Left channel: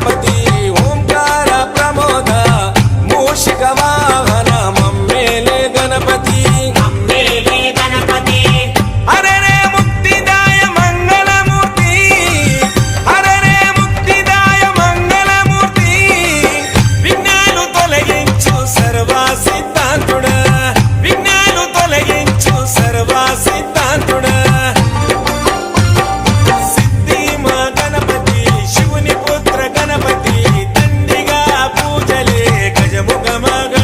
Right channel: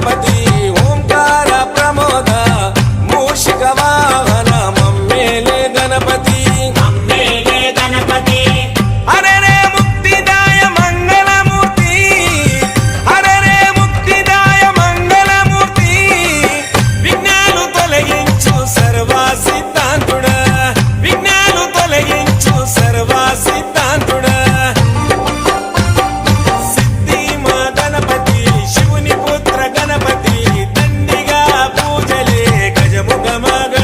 గణపతి ఓంకార ప్రమోద మూషిక వాహన మమ్మేలే గణపతి హరే రే ముక్తిదాయ మంగళమూర్తి హరే రే ముక్తిదాయ మంగళమూర్తి విఘ్నాలు తొలగించు సర్వ సిద్ధాంతుడా విఘ్నాలు తొలగించు సర్వ సిద్ధాంతుడా సిద్ధి మా గణపతి శివుని పుత్ర గణపతి దండిగా పూజలే గజముఖ మగ